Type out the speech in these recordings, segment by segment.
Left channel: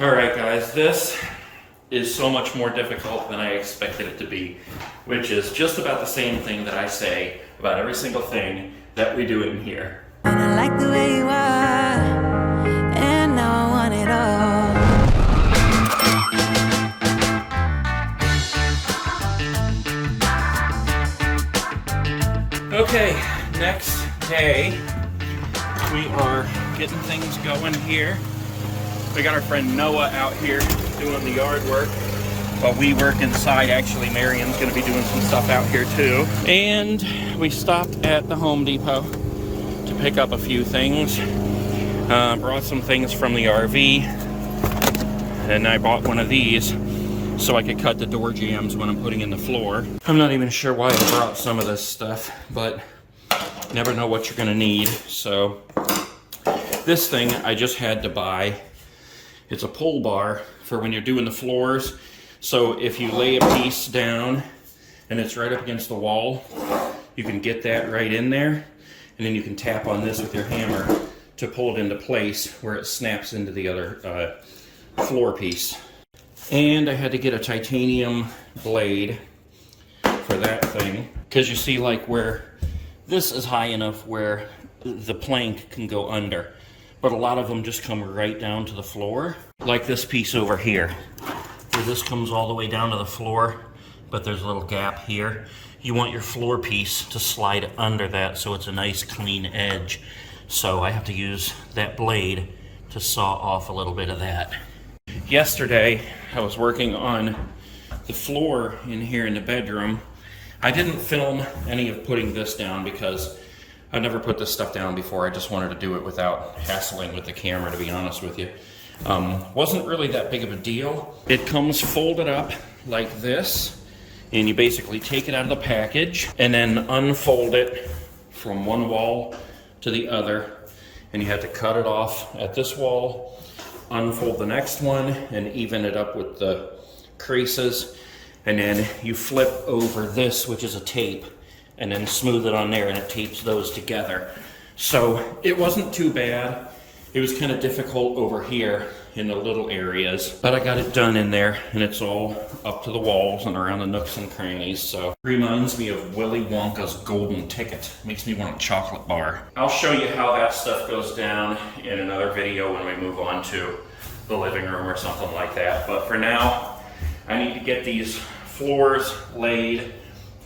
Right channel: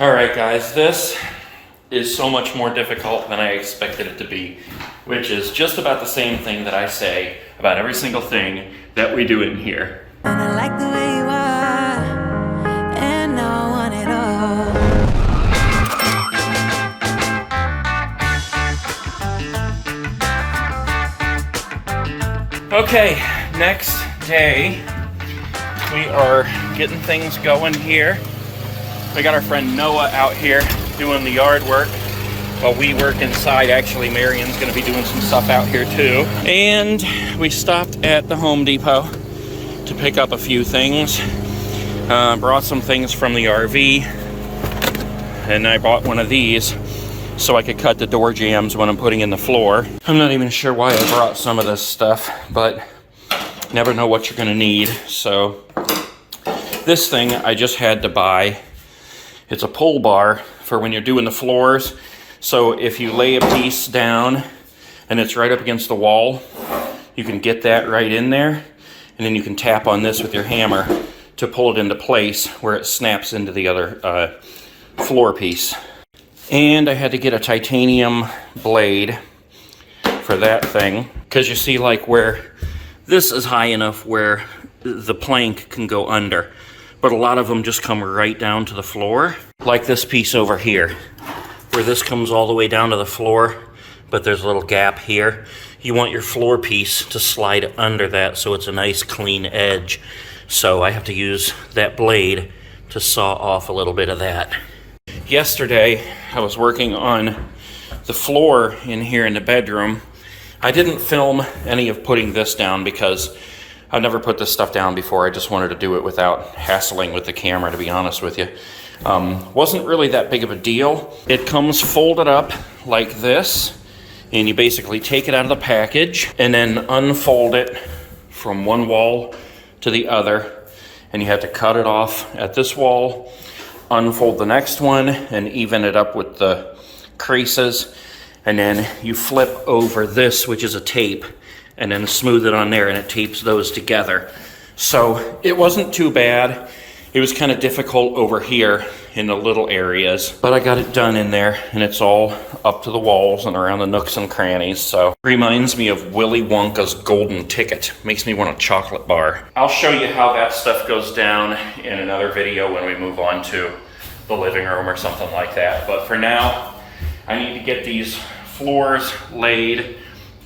All right, guys, this is so much more difficult than I expected it to be, which is just about the same thing that I say about every single thing that we do in here. And I like the way you are, and now I want it all. Okay, next day, we are getting things going here. We got our friend Noah out here doing the yard work while we work inside. Actually, Marion's gonna be doing some stuff out here too. And we stopped at the Home Depot to pick up a few things. Brought some things from the RV, and I bought one of these so I could cut the door jambs when I'm putting in the floor. I'm not even sure why I brought some of this stuff, but never know what you're gonna need. So this thing I just had to buy. It's a pull bar for when you're doing the floors. So if you lay a piece down and it's right up against the wall, you can get that right in there, and then you can tap on this with your hammer to pull it into place where it snaps into the other floor piece. And I had to get a titanium blade for that thing, because you see, like, where this is high enough where the plank can go under, but a lot of them just come right down to the floor, like this piece over here, where this comes all the way down to the floor, but there's a little gap here. You want your floor piece to slide under that so it's a nice clean edge. So I have to use that blade to saw off a little bit of that. Yesterday, I was working on the floor in here in the bedroom. I didn't film any of putting this down because I've never put this stuff down before. I just wanted to do it without hassling with the camera, to be honest with you. Wasn't really that big of a deal. It comes folded up like this, and you basically take it out of the package and then unfold it from one wall to the other, and you have to cut it off at this wall, unfold the next one, and even it up with the creases, and then you flip over this, which is a tape, and then smooth it on there, and it tapes those together. So it wasn't too bad. It was kind of difficult over here in the little areas, but I got it done in there, and it's all up to the walls and around the nooks and crannies. So reminds me of Willy Wonka's golden ticket. Makes me want a chocolate bar. I'll show you how that stuff goes down in another video when we move on to the living room or something like that. But for now, I need to get these floors laid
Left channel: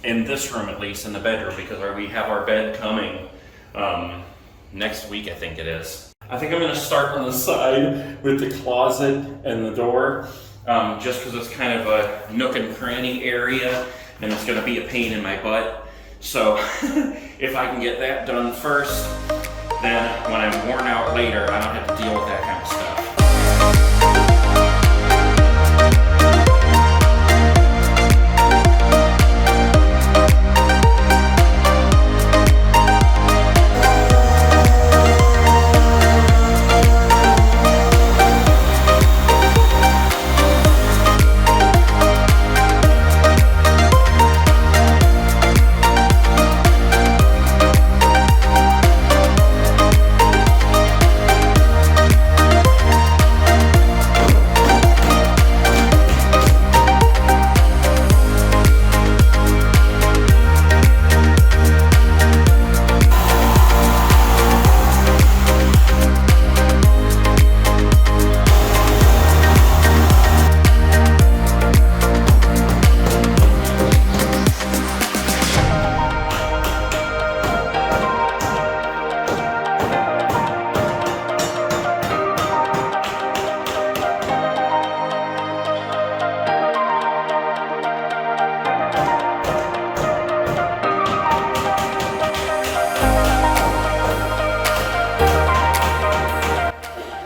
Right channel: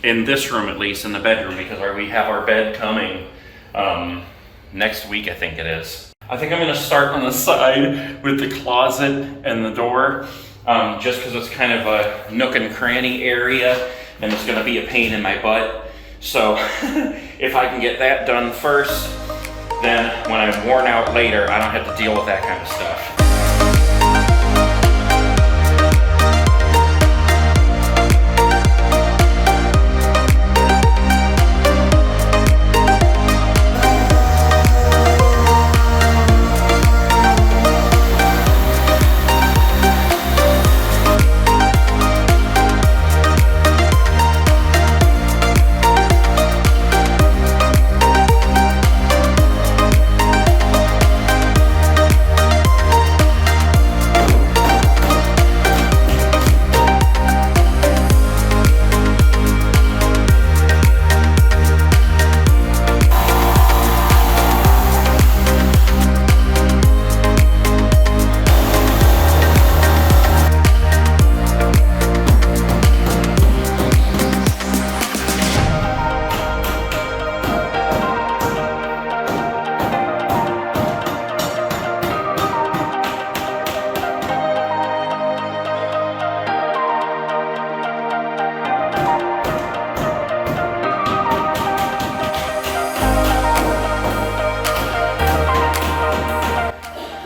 in this room, at least in the bedroom, because we have our bed coming next week, I think it is. I think I'm gonna start on the side with the closet and the door, just because it's kind of a nook and cranny area, and it's gonna be a pain in my butt. So if I can get that done first, then when I'm worn out later, I don't have to deal with that kind of stuff.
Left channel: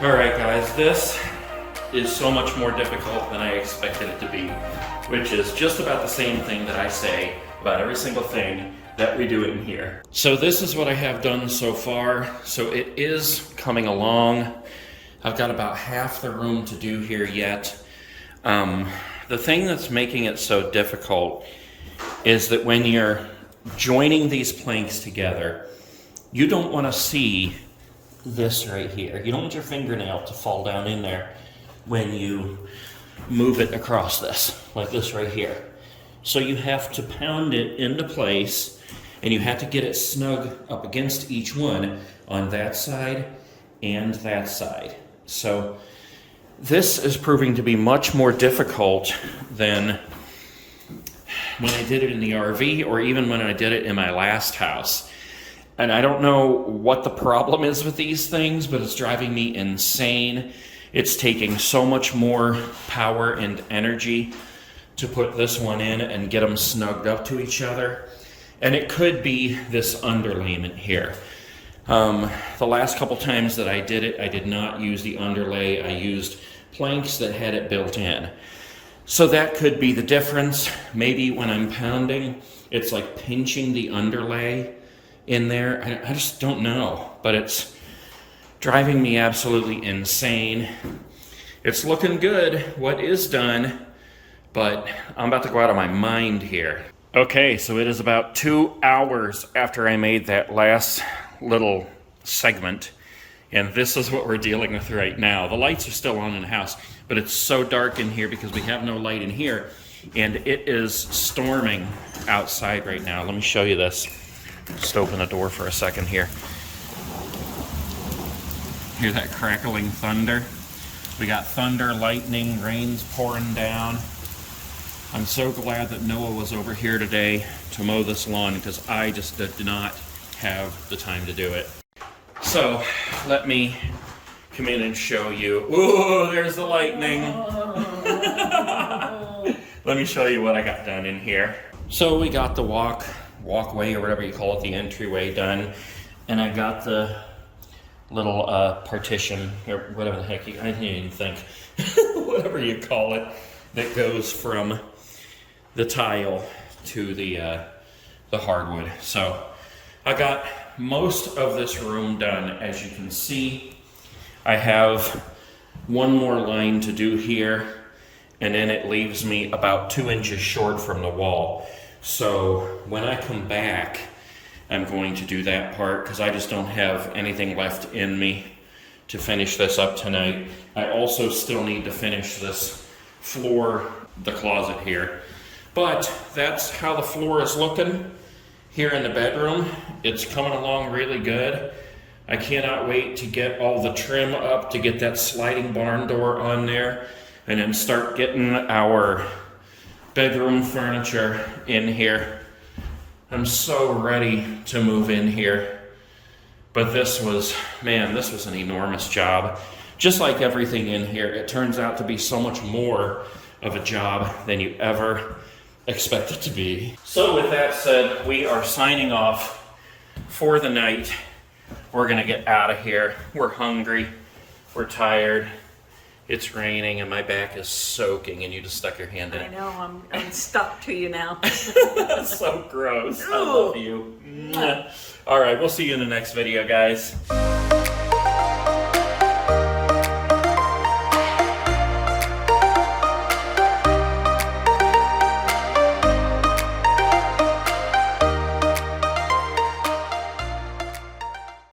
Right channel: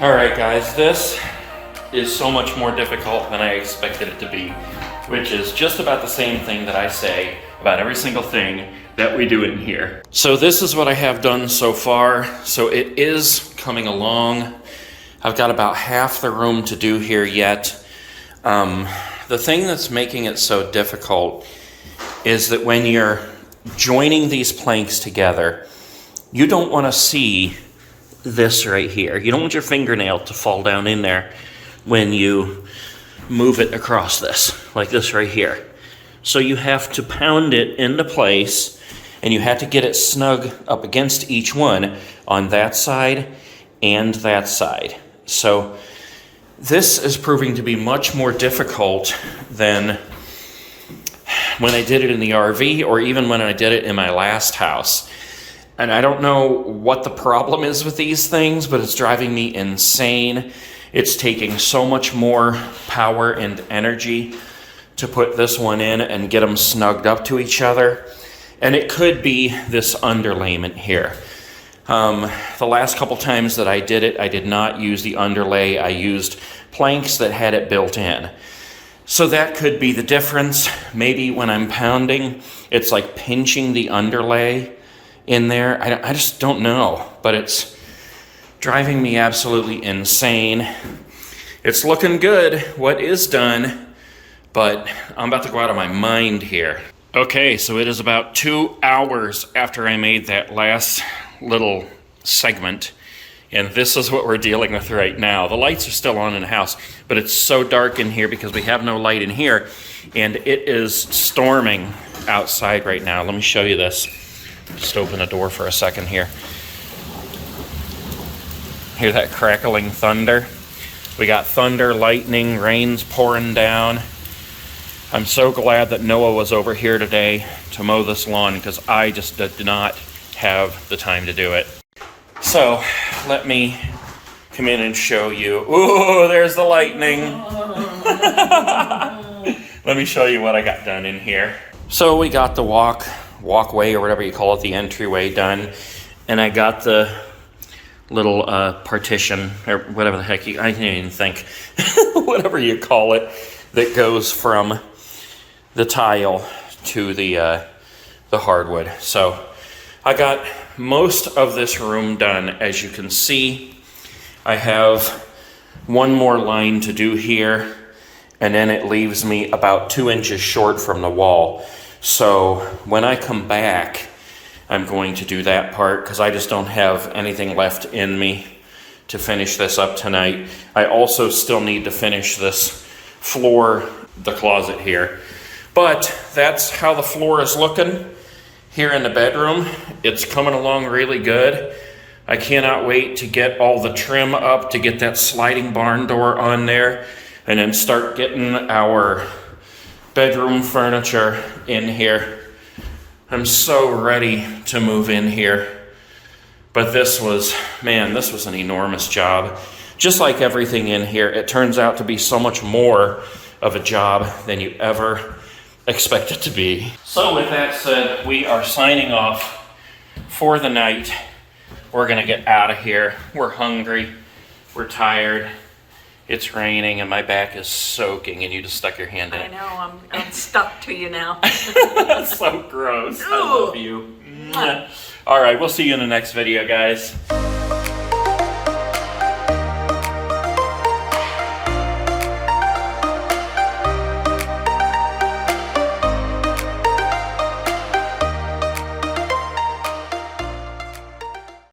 Alright guys, this is so much more difficult than I expected it to be, which is just about the same thing that I say about every single thing that we do in here. So this is what I have done so far. So it is coming along. I've got about half the room to do here yet. The thing that's making it so difficult is that when you're joining these planks together, you don't want to see this right here. You don't want your fingernail to fall down in there. when you move it across this, like this right here. So you have to pound it into place, and you have to get it snug up against each one on that side and that side. So this is proving to be much more difficult than when I did it in the RV, or even when I did it in my last house. And I don't know what the problem is with these things, but it's driving me insane. It's taking so much more power and energy to put this one in and get them snugged up to each other. And it could be this underlayment here. The last couple times that I did it, I did not use the underlay. I used planks that had it built in. So that could be the difference. Maybe when I'm pounding, it's like pinching the underlay in there. I just don't know, but it's driving me absolutely insane. It's looking good, what is done, but I'm about to go out of my mind here. Okay, so it is about 2 hours after I made that last little segment, and this is what we're dealing with right now. The lights are still on in the house, but it's so dark in here because we have no light in here, and it is storming outside right now. Let me show you this. Just open the door for a second here. Hear that crackling thunder? We got thunder, lightning, rain's pouring down. I'm so glad that Noah was over here today to mow this lawn, because I just did not have the time to do it. So let me come in and show you. Ooh, there's the lightning. Let me show you what I got done in here. So we got the walkway, or whatever you call it, the entryway done, and I got the little partition, or whatever the heck I can't even think, whatever you call it, that goes from the tile to the hardwood. So I got most of this room done. As you can see, I have one more line to do here, and then it leaves me about 2 inches short from the wall. So when I come back, I'm going to do that part, because I just don't have anything left in me to finish this up tonight. I also still need to finish this floor, the closet here. But that's how the floor is looking here in the bedroom. It's coming along really good. I cannot wait to get all the trim up, to get that sliding barn door on there, and then start getting our bedroom furniture in here. I'm so ready to move in here. But this was an enormous job. Just like everything in here, it turns out to be so much more of a job than you ever expect it to be. So with that said, we are signing off for the night. We're gonna get out of here. We're hungry, we're tired, it's raining, and my back is soaking, and you just stuck your hand in it. I know, I'm stuck to you now. That's so gross. Ooh. I love you. All right, we'll see you in the next video, guys.